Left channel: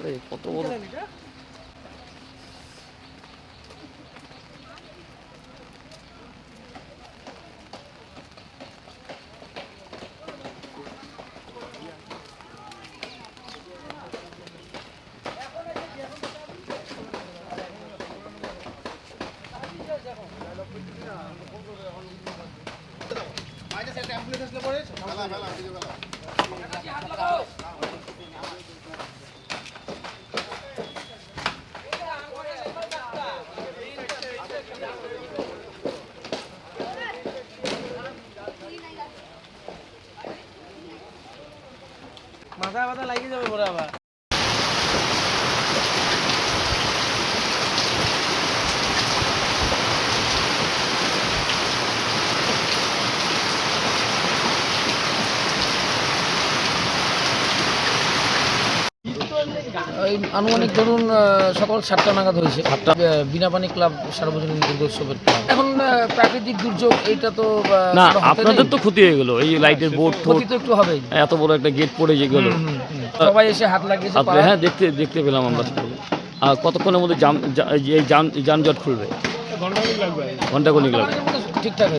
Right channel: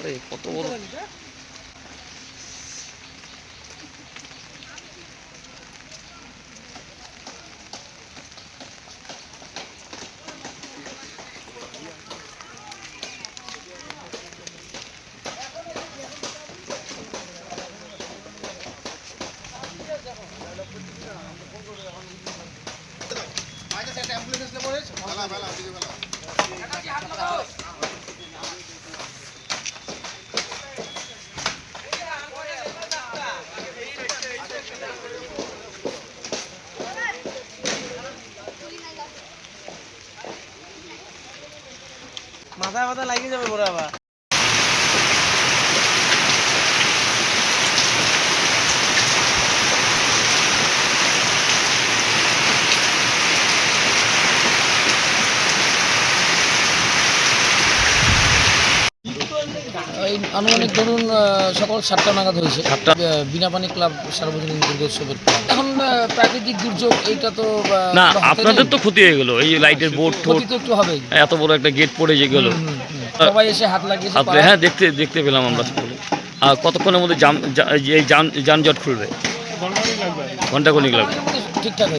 আরে কত বড় মাথা মাথা লাগিয়ে যাবে বড় আবার। এই আনুমানিক ধরুন সকাল 7টা নাগাদ হয়েছে। বিনাপানি ক্লাব সার্বজনীন দুর্গোৎসবের প্ল্যান। এখন প্রাকৃতিক দুর্যোগ এইটা তো না, আপনাদের তো ক্ষতি হয়ে গেল, এই লাইটের বোর্ড ক্ষতি তো একটু হবেই, এত বড় একটা গেট পড়ে যে গেল, সবাই এসে হাত লাগিয়েছে। হ্যাঁ দেখতে পেলাম আমরা সকলে। আর কতক্ষণের মধ্যে যানজট খুলবে? ঘন্টা খানিক লাগবে। ঠিকঠাক।